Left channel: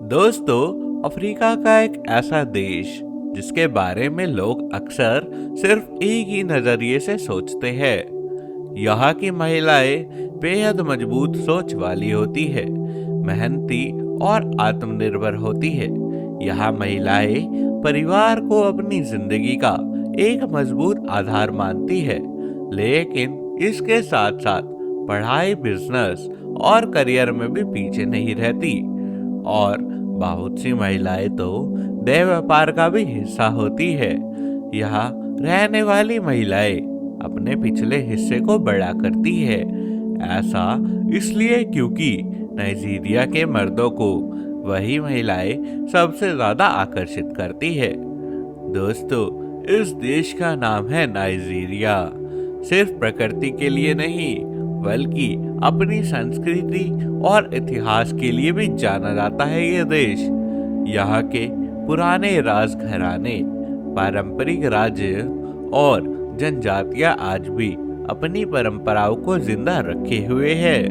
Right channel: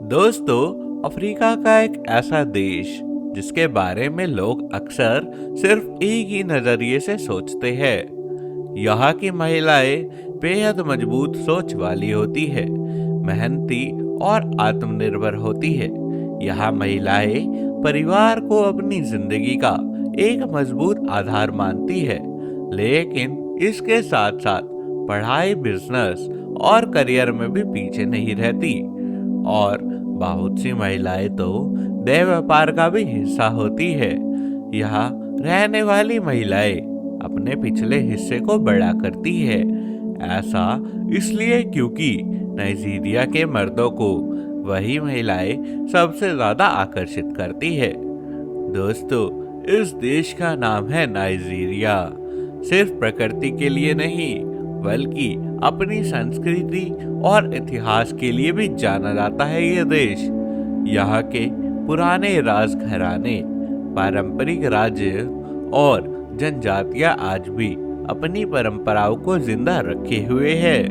दोस्तों, अफ्रीका का एक ऐसा देश जिसके बारे में लोग अक्सर सिर्फ एक ही नजरिए से सोचते हैं। यहाँ की महिलाएं बेहद मजबूत सोच वाली होती है, मेहनती और आत्मनिर्भर होती है। यहाँ महिलाएं परिवार को अपनी जिंदगी का एक मजबूत आधार मानती है, लेकिन इसके साथ साथ पढ़ाई, बिजनेस और करियर में भी पीछे नहीं रहती। और बहुत सी महिलाएं तो देह व्यापार का भी हिस्सा होती है। यहाँ रहने वाली महिलाएं अपने पिछले हिस्से को बड़ा करती है। ऐसा इसलिए क्योंकि नाइजीरिया के मर्दों को वही महिलाएं सबसे ज्यादा आकर्षित करती है। दोस्तों, इस देश का नाम है नाइजीरिया। सिर्फ प्रकृति के लिए नहीं, बल्कि अपनी संस्कृति और इतिहास के लिए भी जाना जाता है ये देश। यहाँ के पुराने राजघराने, पारंपरिक राज्य और जनजातियां आज भी अपनी परंपराओं को जिंदा रखे हुए हैं।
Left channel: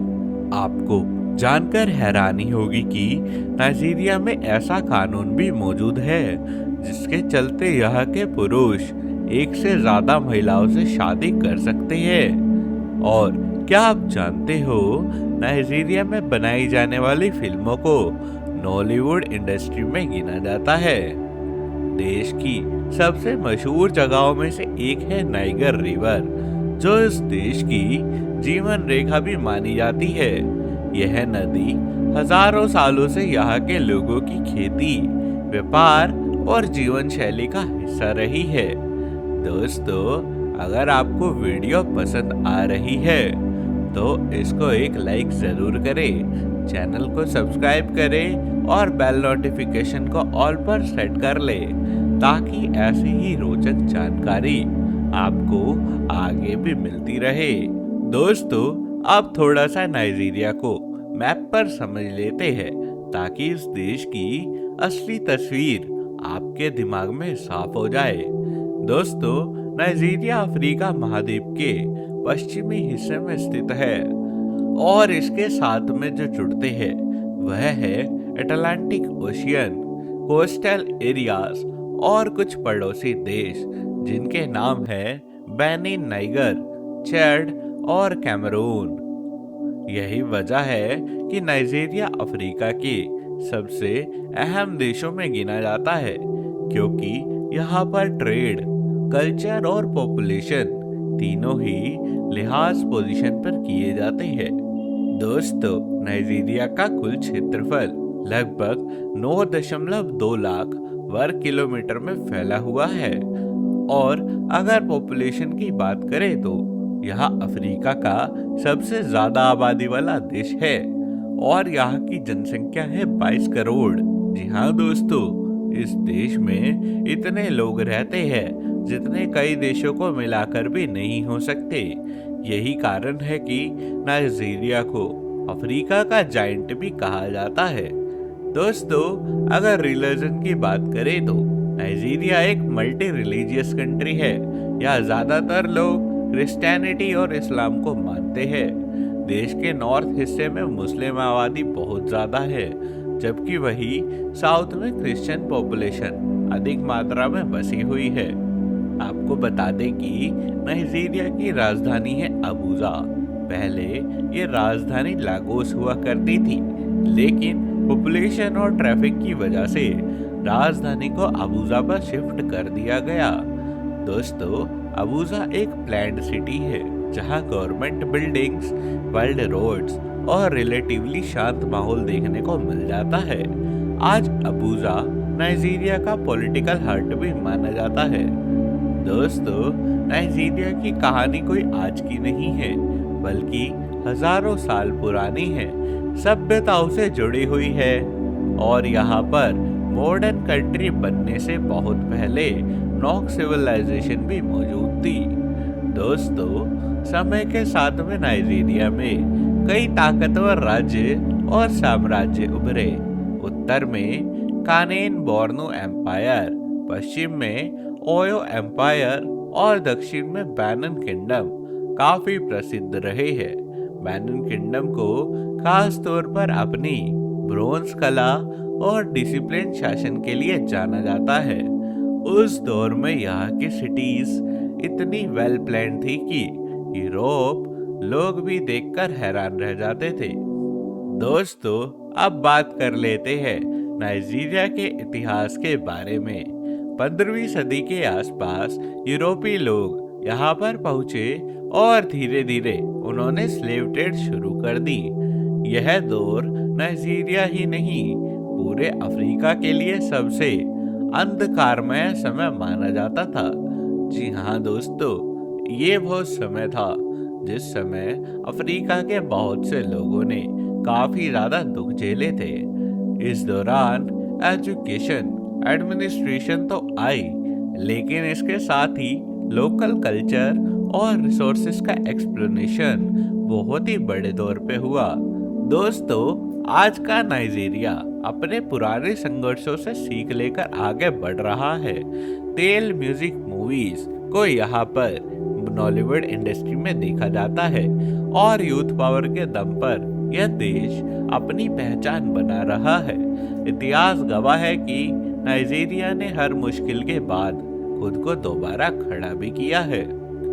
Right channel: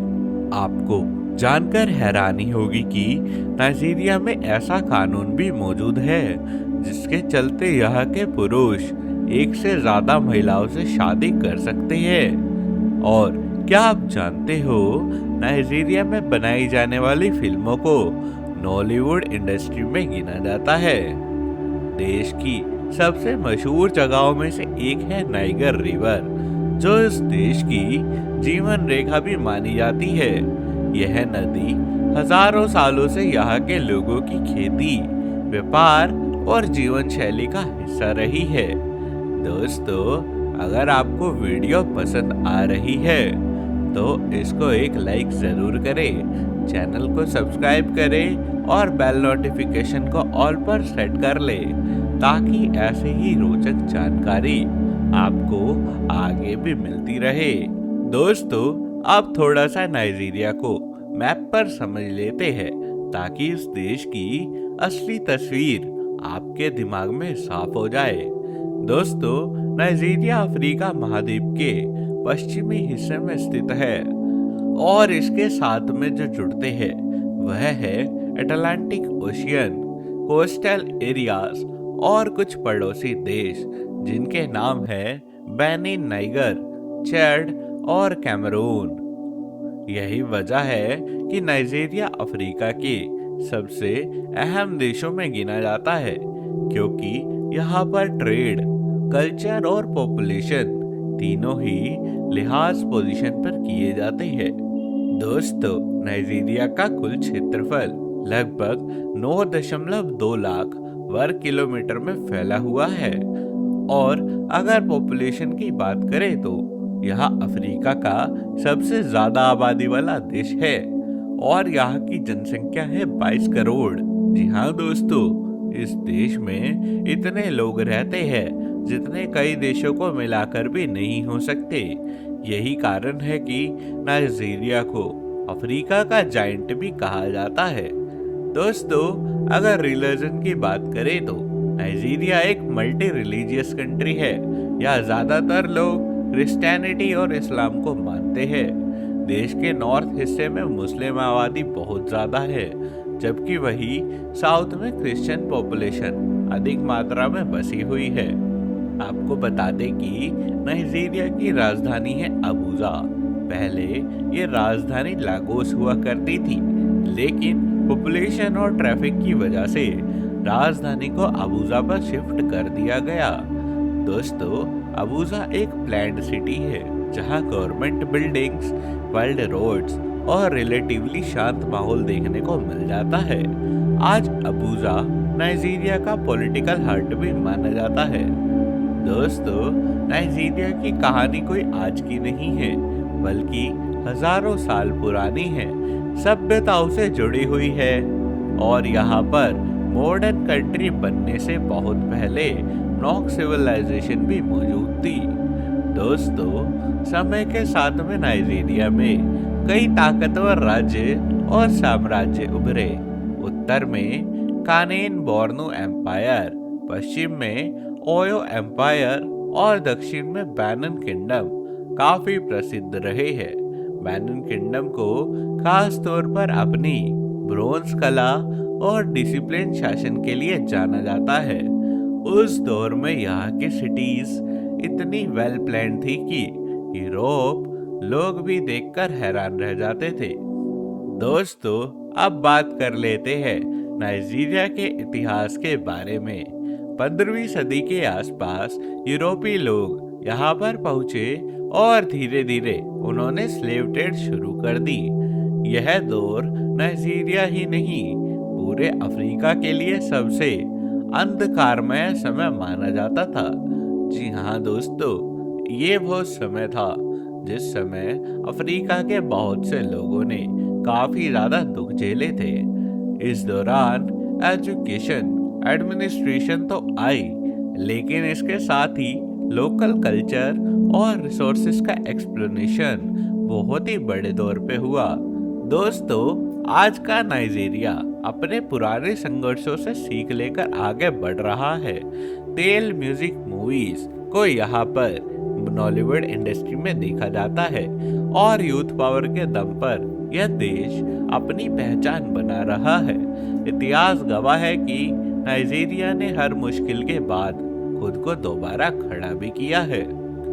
आपको जानकर हैरानी होगी कि नाइजीरिया में ऐसा कानून भी मौजूद है जिसके चलते यहाँ के पुरुष एक से ज्यादा महिलाओं से शादी कर सकते हैं। और क्या आप जानते हो, नाइजीरिया में बनाई जाने वाली फिल्मों को नॉलीवुड इंडस्ट्री में गिना जाता है। देश की सबसे मशहूर जगहों में से एक है नाइगर रिवर, जो इस देश की जीवन रेखा भी मानी जाती है। यह नदी हजारों सालों से यहाँ के लोगों की खेती, व्यापार और जीवन शैली का हिस्सा रही है। दोस्तों, अगर आपको वीडियो पसंद आ रही है तो इसको एक लाइक जरूर करें, चैनल को सब्सक्राइब करें और बेल नोटिफिकेशन को ऑल पर सेट कर ले, ताकि ऐसे ही रोचक जानकारी आपको आगे भी मिलती रहे। दोस्तों, अब थोड़ा सा नाइजीरिया को मैप पर समझ लेते हैं, ताकि इस देश की असली तस्वीर आपके दिमाग में साफ हो जाए। दोस्तों, नाइजीरिया अफ्रीका महाद्वीप के पश्चिमी हिस्से में स्थित है और इसके साथ में जो जुड़ते हैं वह है अटलांटिक ओशियन, कोस्टल एरियाज और कुछ पड़ोसी देश जिनके नाम है बेनिन, नाइगर, चैड और कैमरून। यही वजह है कि नाइजीरिया अफ्रीका के सबसे अहम देशों में गिना जाता है, क्योंकि यहाँ पर ट्रेड, कल्चर और पॉपुलेशन तीनों ही लिहाज पोजीशन पर किए जाते हैं। दोस्तों, नाइजीरिया का कुल क्षेत्रफल लगभग 9.2 लाख वर्ग किलोमीटर में फैला हुआ है। और अगर पॉपुलेशन की बात करें तो यह अफ्रीका का सबसे ज्यादा आबादी वाला देश है और यहाँ की जनसंख्या है 22 करोड़। जी हाँ दोस्तों, इस देश में इतने लोग रहते हैं जितने कई देशों को मिलाकर भी नहीं हो सकते। यही कारण है कि नाइजीरिया को अफ्रीका का जाइंट भी कहा जाता है। दोस्तों, अगर रिलीजन की बात करें तो नाइजीरिया एक मल्टी रिलीजियस कंट्री है। यहाँ ज्यादातर लोग क्रिश्चियनिटी और इस्लाम को मानते हैं। देश के नॉर्थ हिस्से में मुस्लिम आबादी बहुत ज्यादा है, जबकि वही साउथ में क्रिश्चियन पॉपुलेशन अधिक मात्रा में बसी हुई है। आपको बता दें कि नाइजीरिया की राजधानी है अबूजा। पहले ये राजधानी लागोस हुआ करती थी, लेकिन पॉपुलेशन और ट्रैफिक की वजह से राजधानी को अबूजा पर शिफ्ट कर दिया गया। दोस्तों, अबूजा एक प्लैन्ड सिटी है जहां गवर्नमेंट बिल्डिंग्स, वाइल्ड रोड्स और रिलेटिवली शांत माहौल देखने को मिल जाता है। आज अबूजा नाइजीरिया का पॉलिटिकल हार्ट भी माना जाता है। दोस्तों, नाइजीरिया की कहानी कोई आज की नहीं है, बल्कि हजारों साल पुरानी है, सभ्यताओं से जुड़ी हुई है और यहाँ पर मॉडर्न कंट्री बनने से बहुत पहले नॉक सिविलाइजेशन भी मौजूद थी। दोस्तों, समय के साथ में नाइजीरिया में कई ताकतवर राज्य और साम्राज्य उभरे। उत्तर में कानेन बोर्नो एम्पायर, पश्चिम में ओयो एम्पायर और दक्षिण में बेनिन किंगडम काफी प्रसिद्ध रहे हैं। बेनिन किंगडम को खास तौर पर अपनी ब्रोंज कला और डिसिप्लिन शासन के लिए जाना जाता है। उस दौर में यहाँ की सिटीज इतनी वेल प्लान थी कि यूरोप लोग भी देखकर हैरान रह जाते थे। दोस्तों, अब बात कर लेते हैं नाइजीरिया के इतिहास के बारे में। 15वीं सदी के आसपास यूरोपीय लोग यहाँ पर पहुंचे और धीरे धीरे उन्होंने स्लेव ट्रेड शुरू कर दी। यह दौर नाइजीरिया ही नहीं, पूरे अफ्रीका के लिए सबसे अंधकारमय समय माना जाता था। जी हाँ दोस्तों, ये वो समय था जिस समय अफ्रीका के बहुत से लोगों ने काफी ज्यादा दुख झेले थे। इस दौरान एजुकेशन, एडमिनिस्ट्रेशन तो आई, लेकिन इसके साथ ही लोकल कल्चर और रिसोर्सेज का एक्सप्लोनेशन बहुत ही बड़े तौर पे हुआ। दोस्तों, आज का नाइजीरिया अपने पुराने संघर्षों से सीख लेकर आगे बढ़ रहा है। तेल म्यूजिक मूवीज को यहाँ पर बॉलीवुड इंडस्ट्री में देखा जाता है और यूथ पावर के दम पर यह देश अपनी पहचान बना रहा है। इतिहास गवाह है कि नाइजीरिया ने हर मुश्किल के बाद खुद को दोबारा खड़ा भी किया है।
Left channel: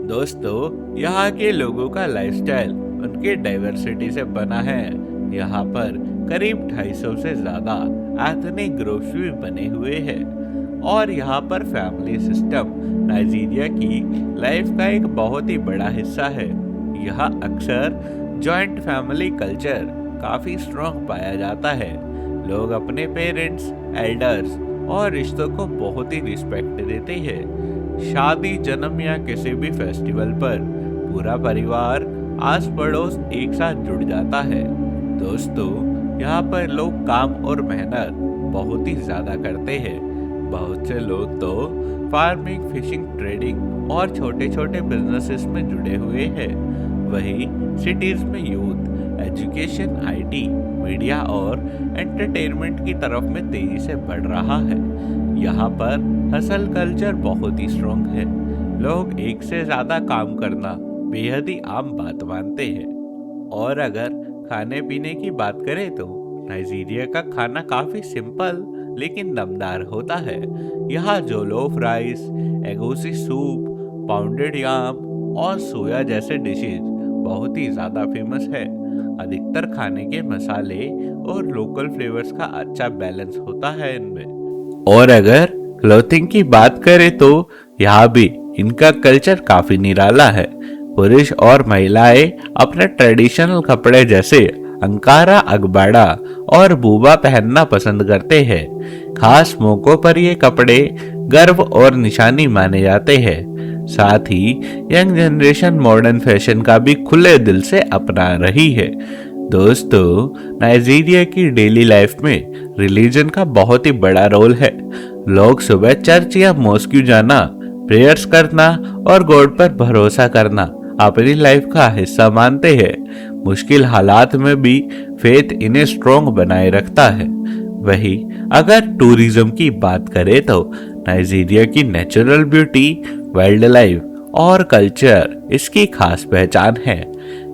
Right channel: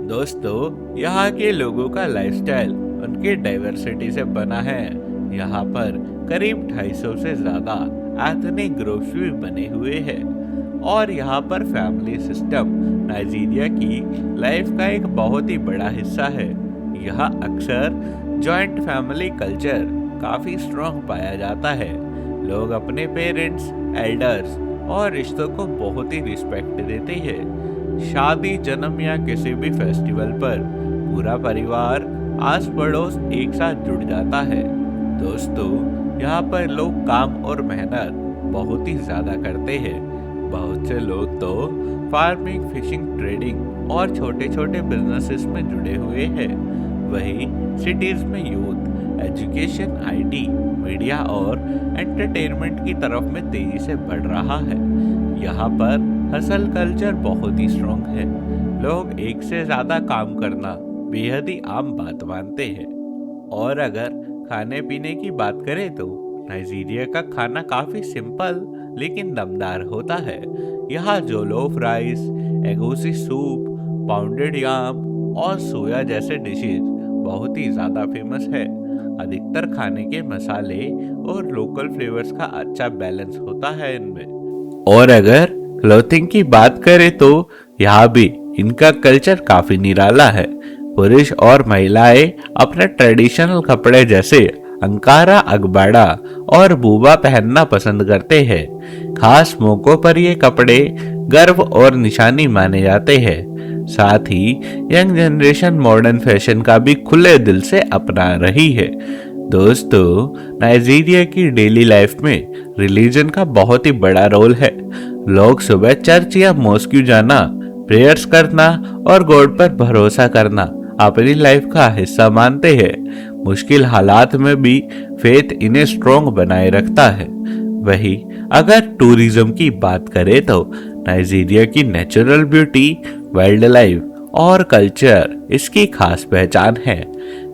दोस्तों, यहाँ के लोगों का लाइफस्टाइल उनकी डाइवर्सिटी से बना है। यहाँ पर करीब 250 से ज्यादा एथनिक ग्रुप्स भी बने हुए हैं और यहाँ पर फैमिली सिस्टम नाइजीरिया की लाइफ का एक बहुत ही बड़ा हिस्सा है। यहाँ अक्सर जॉइंट फैमिली कल्चर काफी स्ट्रॉन्ग पाया जाता है। लोग अपने पेरेंट्स, एल्डर्स और रिश्तों को बहुत ही रिस्पेक्ट देते हैं। शादी, जन्म या किसी भी फेस्टिवल पर पूरा परिवार, आस पड़ोस एक साथ जुड़ जाता है। दोस्तों, यहाँ पर लोग काम और मेहनत बहुत ही ज्यादा करते हैं। बहुत से लोग तो फार्मिंग, फिशिंग, ट्रेडिंग और छोटे छोटे बिजनेसेस में जुड़े हुए हैं। वहीं सिटीज में यूथ एजुकेशन, आईटी, मीडिया और एंटरटेनमेंट की तरफ में तेजी से बढ़ रहा है। यहाँ पर हसल कल्चर बहुत ही स्ट्रॉन्ग है। लोग एक से ज्यादा काम करना बेहद ही आम बात मानते हैं। और अगर खाने पीने की बात करें तो नाइजीरिया का खाना काफी सिंपल लेकिन दमदार होता है। यहाँ जोलोफ राइस, एगोसी सूप, पाउंडेड याम और सोया जैसे डिशेज बहुत ही ज्यादा फेमस है। अधिकतर खाने के मसाले और लोकल फ्लेवर्स का अच्छा बैलेंस होता है इनमें। और अगर क्लोथिंग की बात करें तो यहाँ भी इनका कल्चर काफी निराला है। पुरुष और महिलाएं अपने ट्रेडिशनल कपड़े जैसे अंकारा, अगबाड़ा और बूबा पहनना पसंद करते हैं। खास मौकों पर ये कपड़े गर्व और निशानी माने जाते हैं। साथ ही यंग जनरेशन मॉडर्न फैशन का भी खुले दिल से अपना रही है। दोस्तों, नाइजीरिया की डेली लाइफ में रिलीजन का बहुत ही बड़ा रोल है। लोग सुबह चर्च या मॉस्क जाना, प्रेयर्स करना और गॉड पर भरोसा करना अपनी लाइफ का हिस्सा मानते हैं। मुश्किल हालात में भी फेथ इन्हें स्ट्रॉन्ग बनाए रखता है। वही अगर टूरिज्म की बात करें तो नाइजीरिया की नेचुरल ब्यूटी, वाइल्ड लाइफ और कल्चर इसकी खास पहचान है।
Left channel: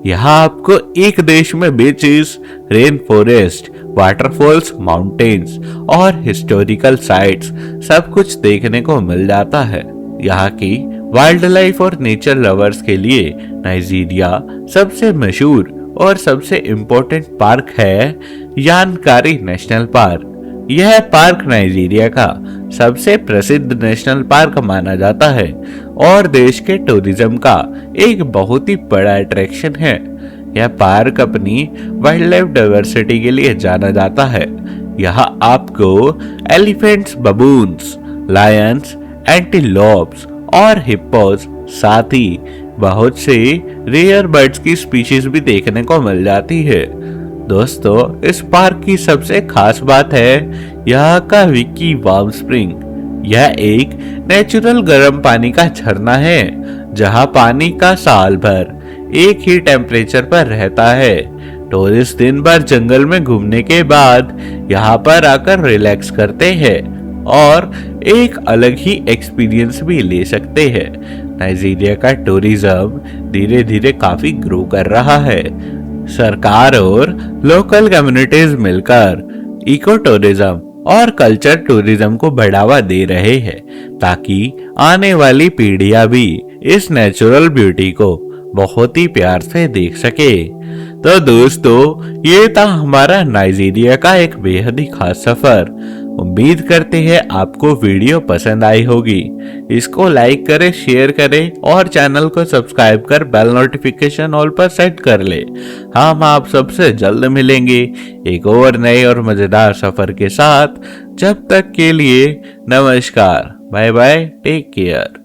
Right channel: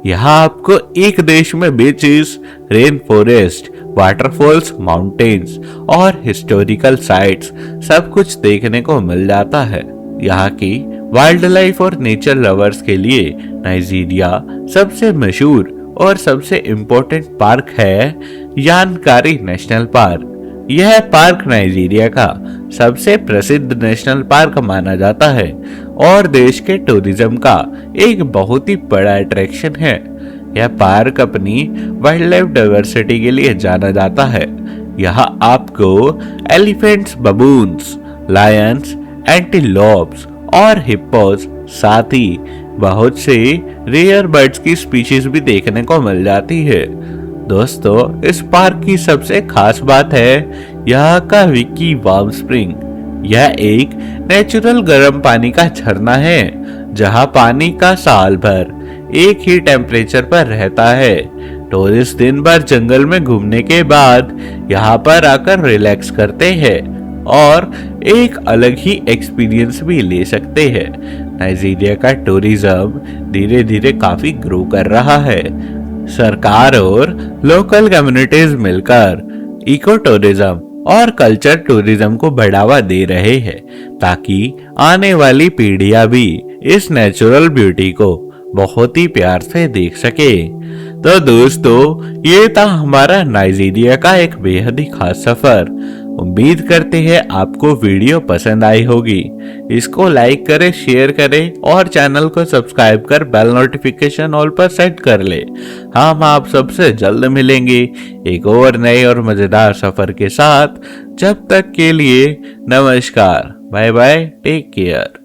यहाँ आपको एक देश में beaches, rain forest, waterfalls, mountains और हिस्टोरिकल साइट्स सब कुछ देखने को मिल जाता है। यहाँ की वाइल्ड लाइफ और नेचर लवर्स के लिए नाइजीरिया सबसे मशहूर और सबसे इम्पोर्टेंट पार्क है यानकारी नेशनल पार्क। यह पार्क नाइजीरिया का सबसे प्रसिद्ध नेशनल पार्क माना जाता है और देश के टूरिज्म का एक बहुत ही बड़ा अट्रैक्शन है। यह पार्क अपनी वाइल्ड लाइफ डाइवर्सिटी के लिए जाना जाता है। यहाँ आपको एलिफेंट्स, बबून्स, लायंस, एंटीलोप्स और हिप्पोस, साथ ही बहुत से रेयर बर्ड्स की स्पीशीज भी देखने को मिल जाती है। दोस्तों, इस पार्क की सबसे खास बात है यहाँ का विकी वार्म स्प्रिंग। यह एक नेचुरल गर्म पानी का झरना है जहाँ पानी का साल भर एक ही टेम्परेचर पर रहता है। टूरिस्ट दिन भर जंगल में घूमने के बाद यहाँ पर आकर रिलैक्स करते हैं और एक अलग ही एक्सपीरियंस भी ले सकते हैं। नाइजीरिया का टूरिज्म धीरे धीरे काफी ग्रो कर रहा है। सरकार और लोकल कम्युनिटीज मिलकर इको टूरिज्म और कल्चर टूरिज्म को बढ़ावा दे रहे हैं ताकि आने वाली पीढ़ियां भी इस नेचुरल ब्यूटी को बहुत ही प्यार से देख सके। तो दोस्तों, ये था हमारा नाइजीरिया का एक बेहद ही खास सफर। उम्मीद करते हैं आपको वीडियो पसंद आई होगी। इसको लाइक करें, शेयर करें और चैनल को सब्सक्राइब कर बेल नोटिफिकेशन ऑल पर सेट कर ले। हम आप सबसे जल्द मिलेंगे एक और नए और मजेदार सफर के साथ। जब तक के लिए नमस्कार, बाय बाय, टेक केयर।